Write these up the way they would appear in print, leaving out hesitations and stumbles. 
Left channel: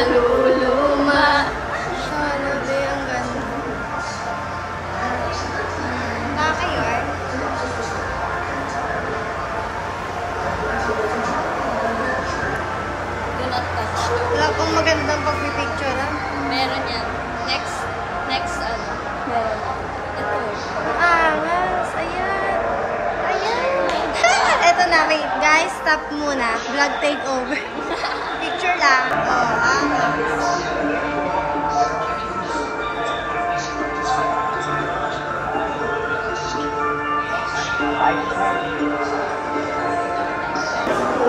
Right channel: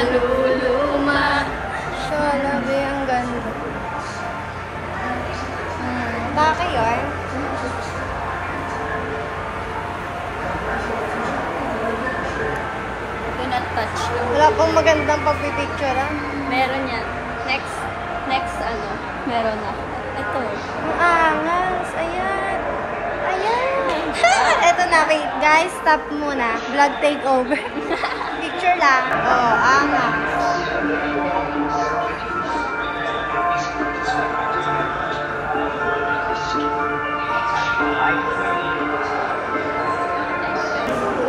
naluluma. Shalabi, ang ganda. Taka yun. Wala pang magandang pagpipicturean. Meron yan. Next, ano, meron na. Ito. Ang angas. Ayan. Ayan. Eto na, wait. Guys, stop muna. Vlog takeover. Picture lang. Oh, angas.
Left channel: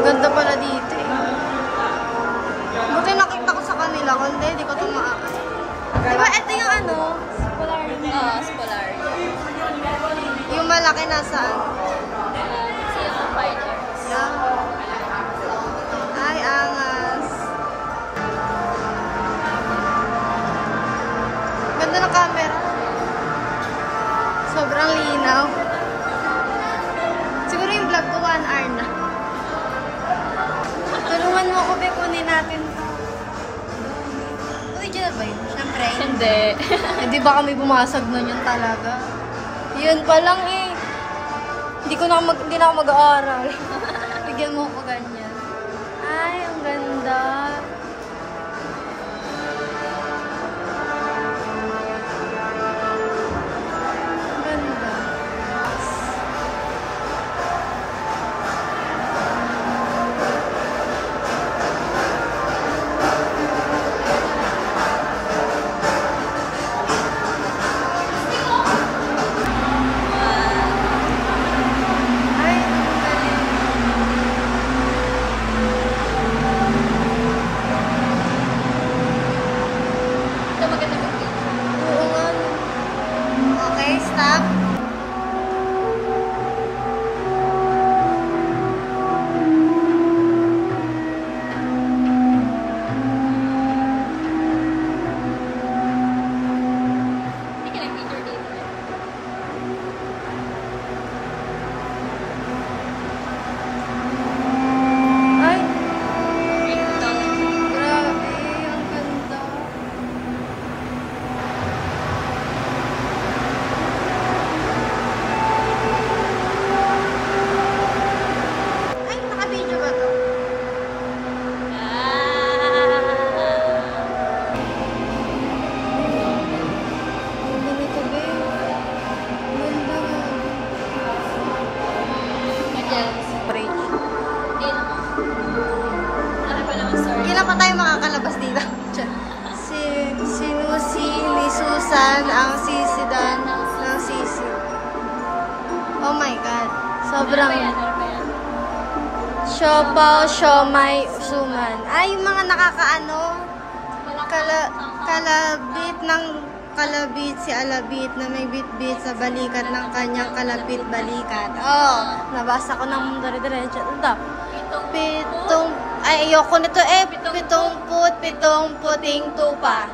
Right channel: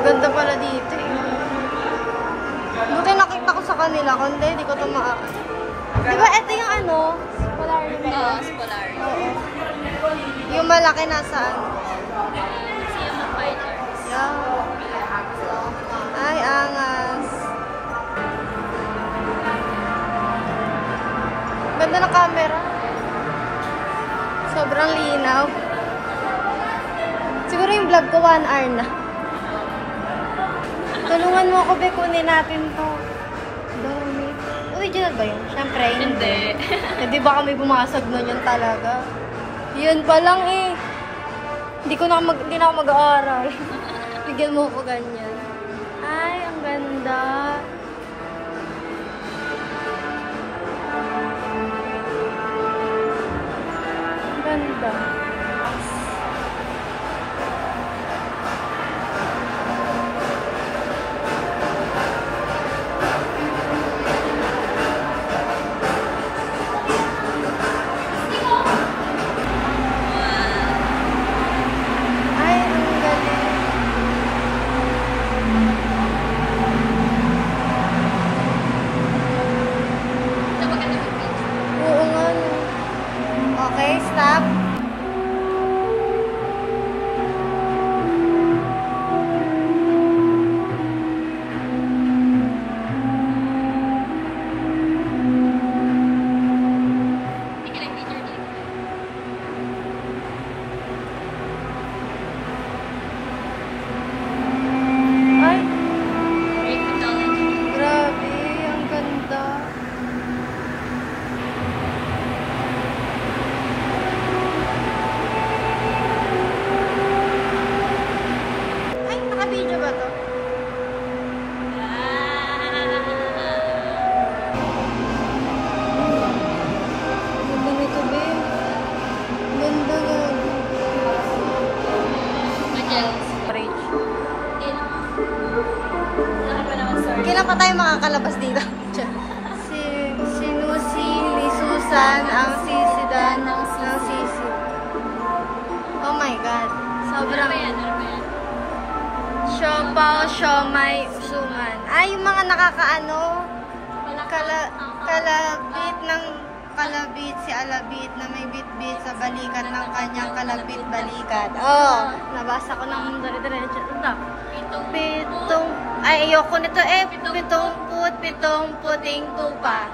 Ganda pala dito eh. Buti nakita ko sa kanila, kundi hindi ko tumaan. Diba ito yung ano? Spolarium. Oo, Spolarium. Yung malaki nasaan? Fine Arts. Yeah. Ay, angas. Ganda ng camera. Sobrang linaw. Siguro yung vlog ko 1 hour na. Tulungan mo ako, Be, kunin natin to. Dami. Original ba yun? Siyempre, Hindi. Hindi ba kami bumasag na yun talaga? Yun pa lang eh. Hindi na ako mag-aaral. Bigyan mo ako ganyan. Ay, ang ganda. Ang ganda. Okay, stop. Ay, grabe, ang ganda. Video ba to? Ganda nito, Be. Ganda nga. Spray. Kailan pa tayo makakalabas dito? Si Lucy, ni Susan, ang sisidan ng sisiw. Oh my God. Sobrang... Siopaw, siomay, usuman. Ay, yung mga nakakaano, kalabit ng kalabit si Alabit na may bit-bit sa balikat ng kanyang kalapit-balikat. Oh, nabasa ko ng dire-diretso. Ito. Ay, ayoko nito eh. Pitong puting tupa.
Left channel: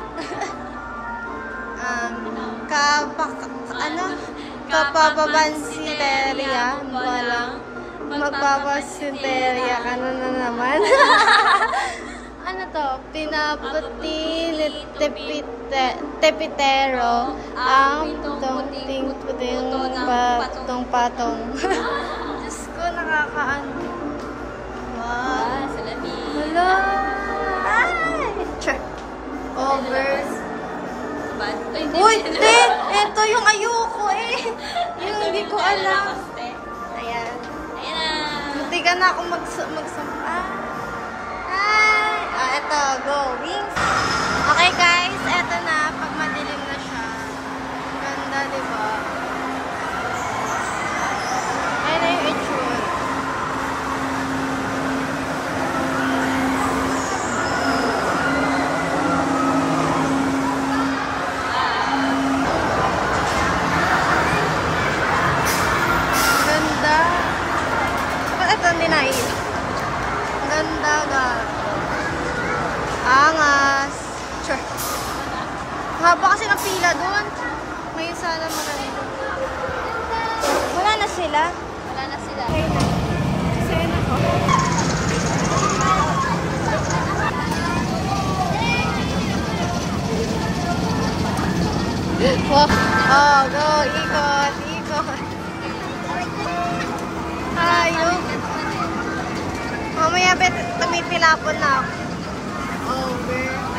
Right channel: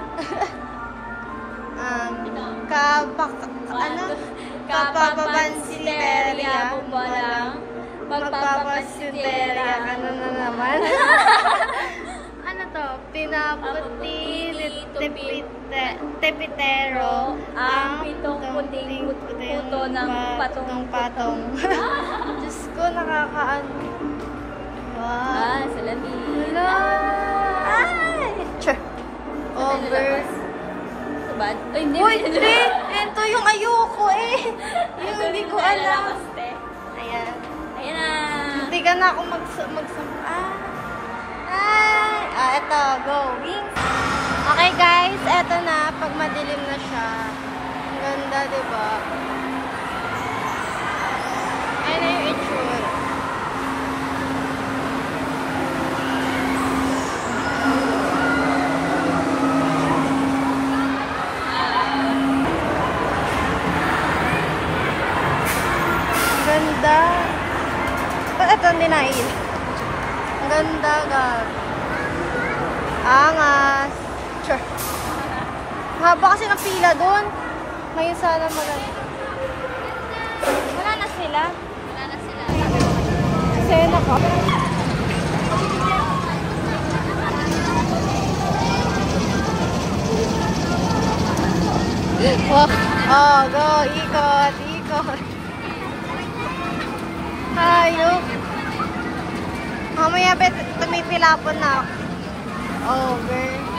Kapababansinterya. Walang magpapasinterya. Ano na naman? Ano to? Pinaputi ni tepitero ang puting patong. Diyos ko, nakakaano. Wow. Wala. Ay! Over. Uy, ito yung ayoko eh. Yung hindi ko alam. Ayan. Hindi ka na ako magsampa. Eto, go. Wings. Okay guys, eto na. Pag madilim na siya. Ang ganda, diba? Ay na yung itsura. Ang ganda. Ba't ito hindi nailan? Ang ganda, gag. Angas. Sure. Haba kasi ng pila doon. Ngayon sana maganda. Wala na sila? Wala na sila. Kasi na ko. Wow. Oh, go. Ikot. Ikot. Hayop. Mamaya bet, tumitilapon na ako. Over.